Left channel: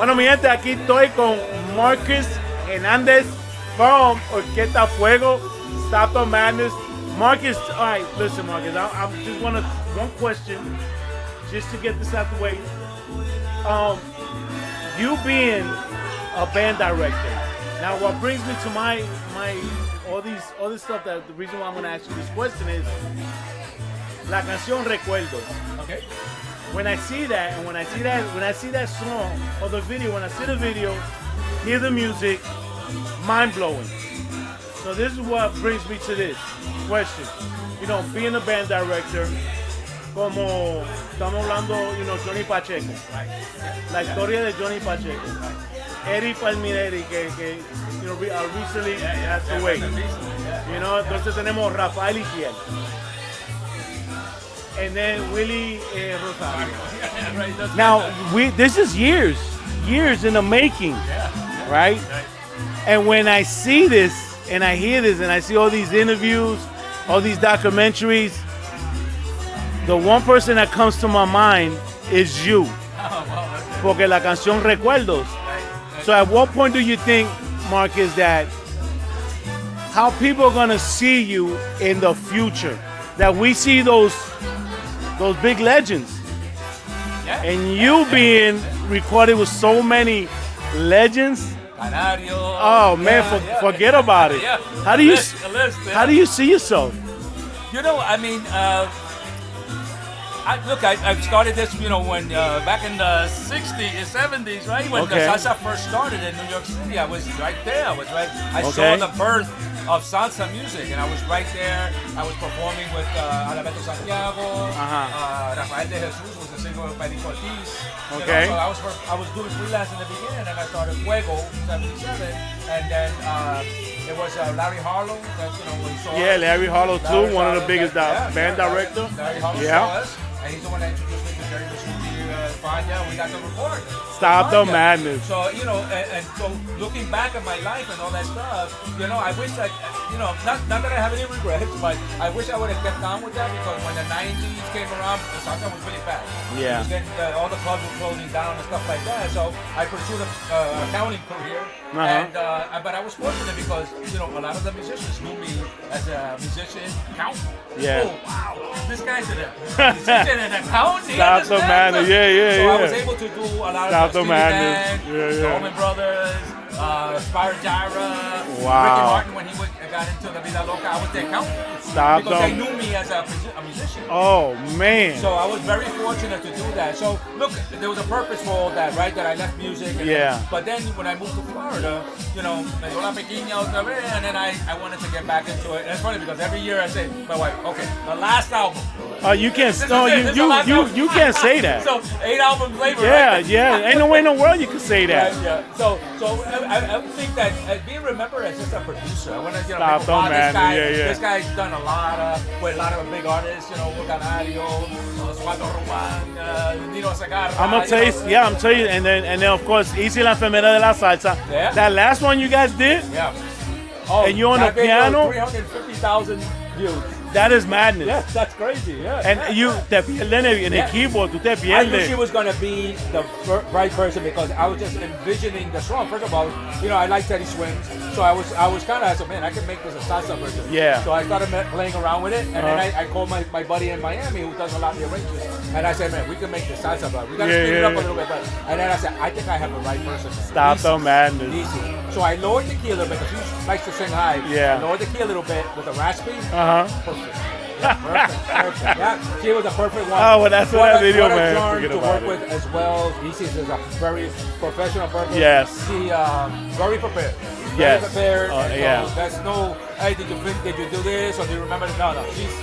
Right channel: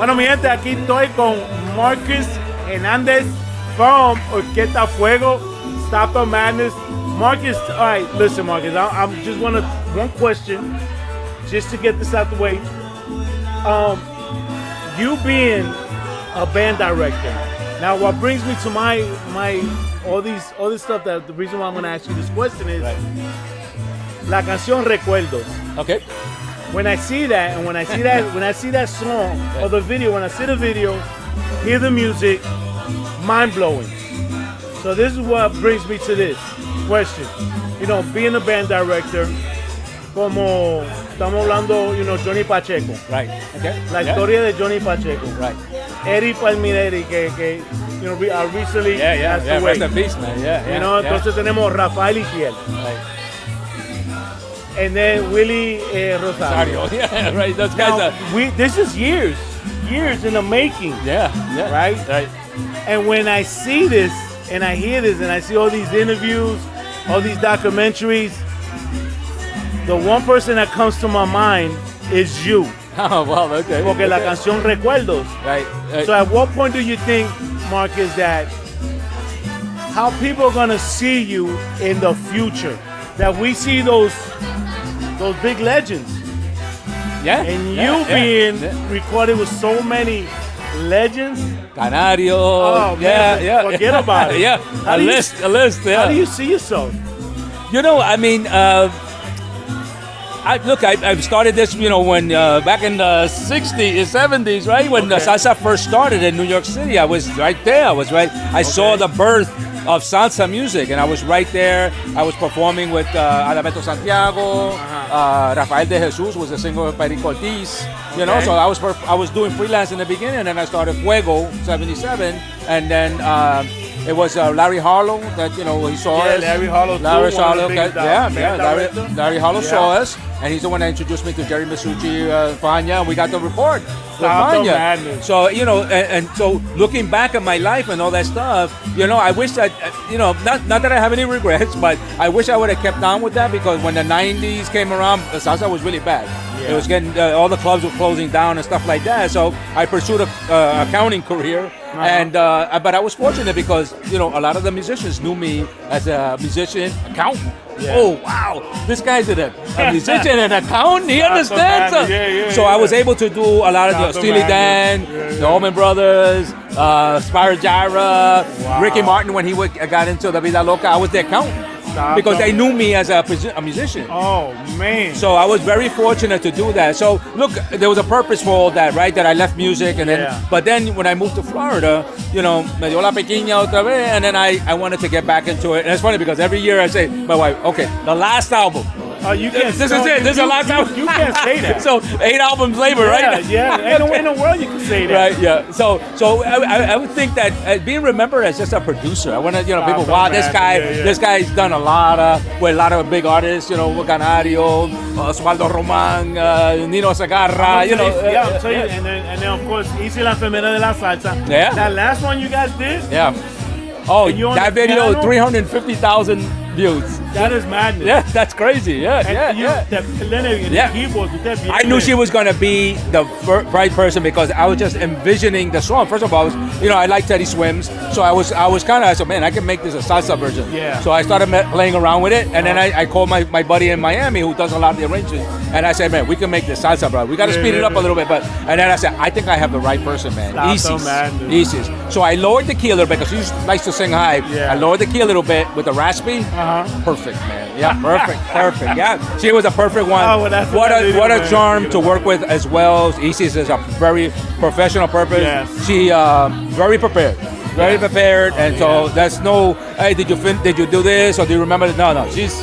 Bueno, mi gente, aquí estoy con Marcus Hernandez from Orchestra Fuego, Stop the Madness. Marcus, all right, listen, Marcus, I just want to, one question, just to get this out the way. You being a band director, now what brings me to my all this stuff, that the reason why I'm going to ask you this question is La Canción Recuerdos. Okay. When I see that, and when I see that song or the video, when I see the video, hear the music, mind blowing. So this is what brings me to this question. You know, being a band director, como estamos hablando, you know, Johnny Pacheco. Right. Okay. La historia de Johnny Pacheco. Right. Eddie Palmineri, que you know, recently passed away. Rest in peace, man. Yeah. You know, entonces tenemos Rafael Iquiel. Right. And then Willie Rosario. Yeah, right. Those Now, guys this is years in the making. Yeah. Right? Right. And when I see this, and I hear this, and I see all these interviews, all these documentaries, the one person that comes to my mind is you. Oh, well, okay. Porque la canción Recuerdos. Right. So at what point do you think, Marcus, that how people are going to see you in the future? That we see those big legends. Yeah. And you being recorded with so many legends. Canario. Oh man, forget about it. Yeah. How do you see yourself? You know, I mean, I started this, you know, when back in the 60s, 70s, right? When the salsa first started in New York City, I was right there. I saw the birth of salsa music, and I was right there. I was performing with Alberto Santiago, Rafael de Jesus was a singer of Perico Ortiz. You know, so I was doing freelance in the beginning, and then I started Fuego '77, and then it was Larry Harlow that, you know, he saw us. Larry Harlow too, one of the biggest band directors. Larry Harlow saw us, and he's the one that introduced me to Jerry Masucci, Fania, and we got the report. Stop the madness. So, you know, and so looking back at my life and all that stuff, you know, I wish that, you know, not that I have any regrets, but I wish I would have kept on with that, because when the 90s came around, the salsa was really bad. Yeah. It was getting, all the clubs were closing down and stuff like that. So I pursued a accounting career. And but I was fortunate because, you know, a lot of the musicians knew me as a musician accountant. Yeah. Oh, wow, this guy's a musician and accountant. He understands. So I was able to do a lot of Steely Dan, the Allman Brothers, Spyro Gyra, Ricky Martin when he got into the Vida Loca. I was the accountant. Because they knew me as a musician. Oh, man. So I was very fortunate to do that. So, look, there was a purpose for all that, right? That I left music. And but then when I moved to Florida, you know, me dio la pequeña otra vez, and then I wanted to get back into it. And it's funny because every year I say, my wife, okay, the last album. You can't. You can't say that. So 8 albums later, right? Ain't no way in the world you can say that. Right, yeah. So I would think that being remembered as just a producer. I want to, you know, people. Wow, this guy's done a lot of big artists. You know, Canario, Osvaldo Roman, Nino Segarra. I'm telling you. And then of course, Izis la Enfermera de la Salsa. Yeah. That last one you guys did. Yeah. Oh, and you on that the video, piano? 350,000 views. That is madness. Yeah, that's crazy. Yeah. And the keyboard, I knew she was gonna be the right person because I was just envisioning the song. First of all, you know, I like Teddy Swims, so I was kind of, I said, man, I can make this a salsa version. Yeah. So I started playing around with it, and then I called my buddy in Miami who does a lot of the arrangements, and I said, man, we can make this salsa, bro. We gotta speed it up a little bit, and then I said, I think I have the right person, man. Izis. So I lowered the key a little bit because she likes to sing high. Yeah. I lowered the key a little bit with the raspy. Perfect, man. Yeah, perfect. Yeah, she was a perfect one. Oh, well, that's what a charm to work with as well. Izis is a very professional person. Yes. She very prepared. Very prepared, and so that's no. Hey, did you do this or do you remember? No. She's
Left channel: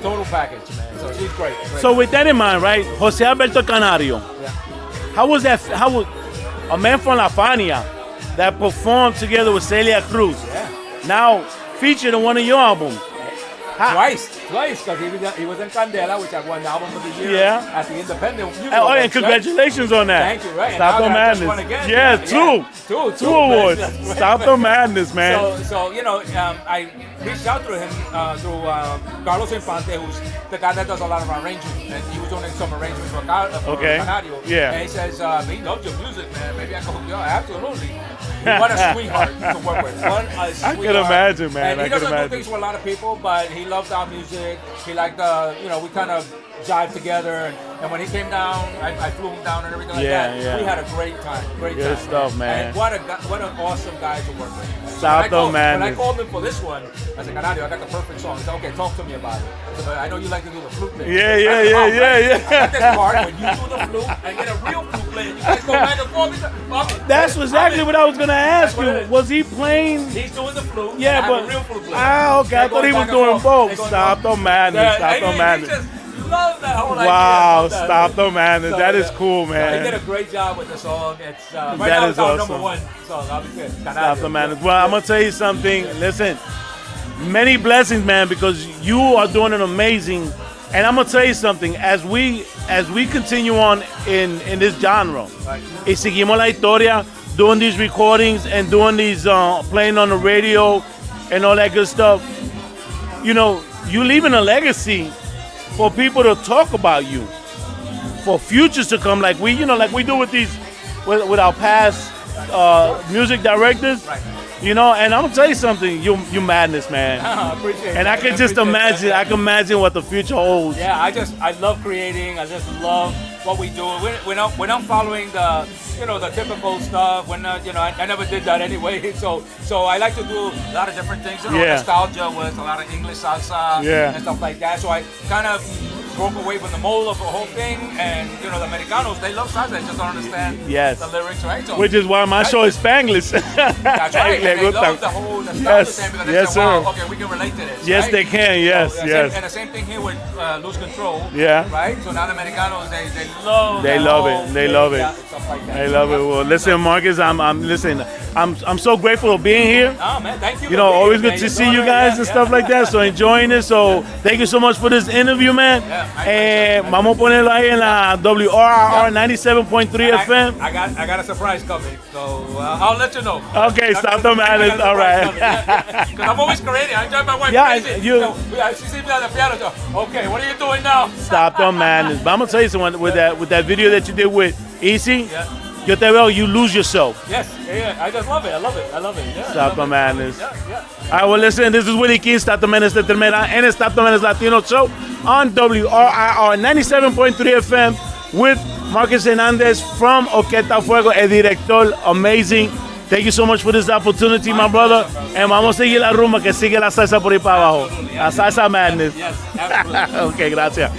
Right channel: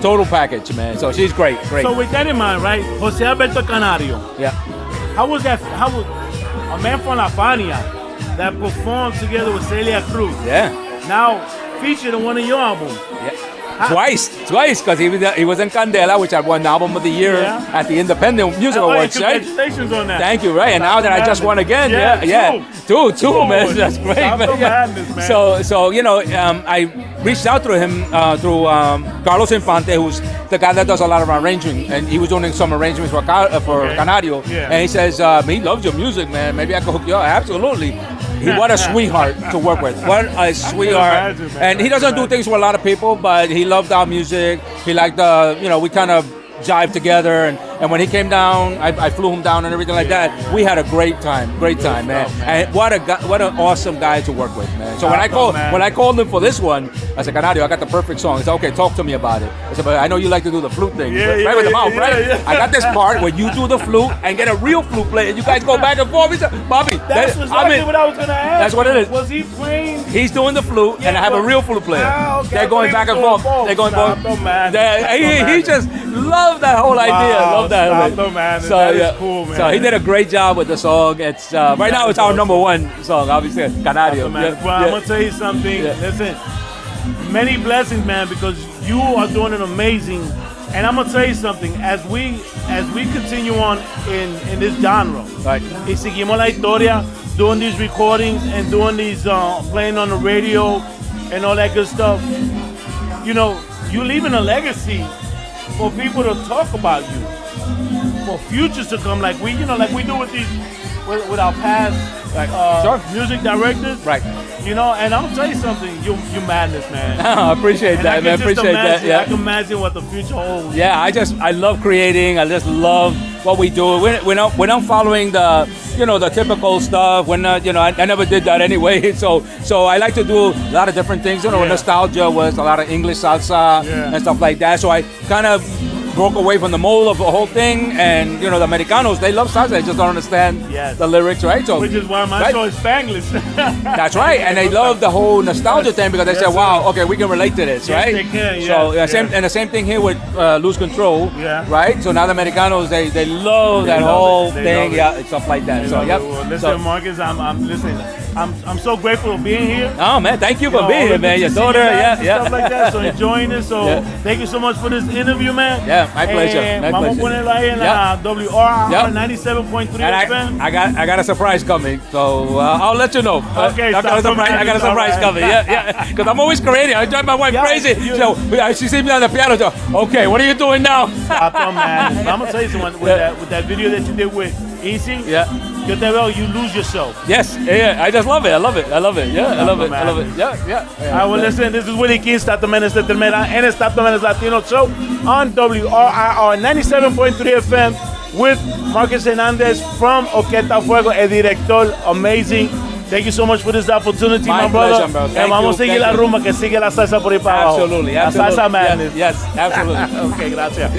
total package, man. So she's great. So with that in mind, right? Jose Alberto Canario. Yeah. How was that? How was a man from La Fania that performed together with Celia Cruz? Yeah. Now featured in one of your albums. Twice, because he was in Candela, which I won Album of the Year at the Independent Music Awards. And congratulations on that. Thank you, right? And now that I just won again. Two awards. That's great. Stop the madness, man. So you know, I reached out to him through Carlos Infante, who's the guy that does a lot of arranging, and he was doing some arrangements for Canario. Yeah. And he says, he loves your music, man. Maybe I could hook you up. Absolutely. What a sweetheart to work with. What a sweetheart. I can imagine, man. And he doesn't do things with a lot of people, but he loved our music. He liked we kind of jive together, and when he came down, I flew him down and everything like that. Yeah. We had a great time, man. Stuff, man. And what an awesome guy to work with, man. So when I called him for this one, I said, Canario, I got the perfect song. He said, okay, talk to me about it. I said, but I know you like to do the flute thing. Yeah. I got this part where you do the flute and get a real flute player. You guys go back and forth. He said, Bobby, that's exactly what I was gonna ask. That's what it is. Was he playing? He's doing the flute, and I have a real flute player. Okay. I thought he was doing both. Stop the man. He just loved that whole idea. Wow, stop the man. So, that is cool, man. So he did a great job with the song. It's right now it's our number one song, obviously. Canario. Well, I'm gonna tell you something. Listen, many blessings, man, because you are doing an amazing. And I'm gonna tell you something. As we continue on in this genre, right. Y seguimos la historia, doing these recordings and doing these playing on the radio and all that good stuff. You know, you're leaving a legacy for people to talk about you, for futures to come, like we do with these, with our past music directors, right? You know, and I'm gonna tell you something, you madness, man. I appreciate that. And I can just imagine, I can imagine what the future holds. Yeah, I love creating. I just love what we do. We're not following the typical stuff. We're not, I never did that anyway. So I like to do a lot of different things. Nostalgia was a lot of English salsa and stuff like that. So I kind of broke away from the mold of the whole thing, and the Americanos, they love salsa, they just don't understand the lyrics, right? So which is why my show is Spanglish. That's right, and they love the whole nostalgia thing because they say, wow, okay, we can relate to this, yes, right? They can, yes. So, and the same thing here with Lose Control, right? So now the Americanos, they love it. They love it. Yeah, stuff like that. They love it. Well, listen, Marcus, I'm so grateful for being here. Oh man, thank you for being always here, good to see you guys and stuff like that. So enjoying it. So thank you so much for this interview, man. Yeah, my pleasure. Vamos a ponerlo ahí en la WRR 97.3 FM. I got a surprise coming, so I'll let you know. Okay, stop the man. I got a surprise coming. Yeah. Because I'm always creating. I drive my wife crazy. She sees me on the piano. So, okay, what are you doing now? Stop the man. But I'm gonna tell you something with that video that you did with Izis. Yeah. Yo te veo, you lose yourself. Yes, yeah, I just love it. Yeah, Stop the madness. Yeah. All right, well, listen, this is Willie King, Stop the Menace, Enfermera, and Stop the Menace Latino show on WRIR 97.3 FM with Marcus Hernandez from Orchestra Fuego, el director, amazing. Thank you so much for this opportunity, my brother. Bro. And vamos a seguir la rumba, que sigue la salsa por ahí para abajo. Absolutely. La salsa madness. Yes, absolutely. Okay, gracias.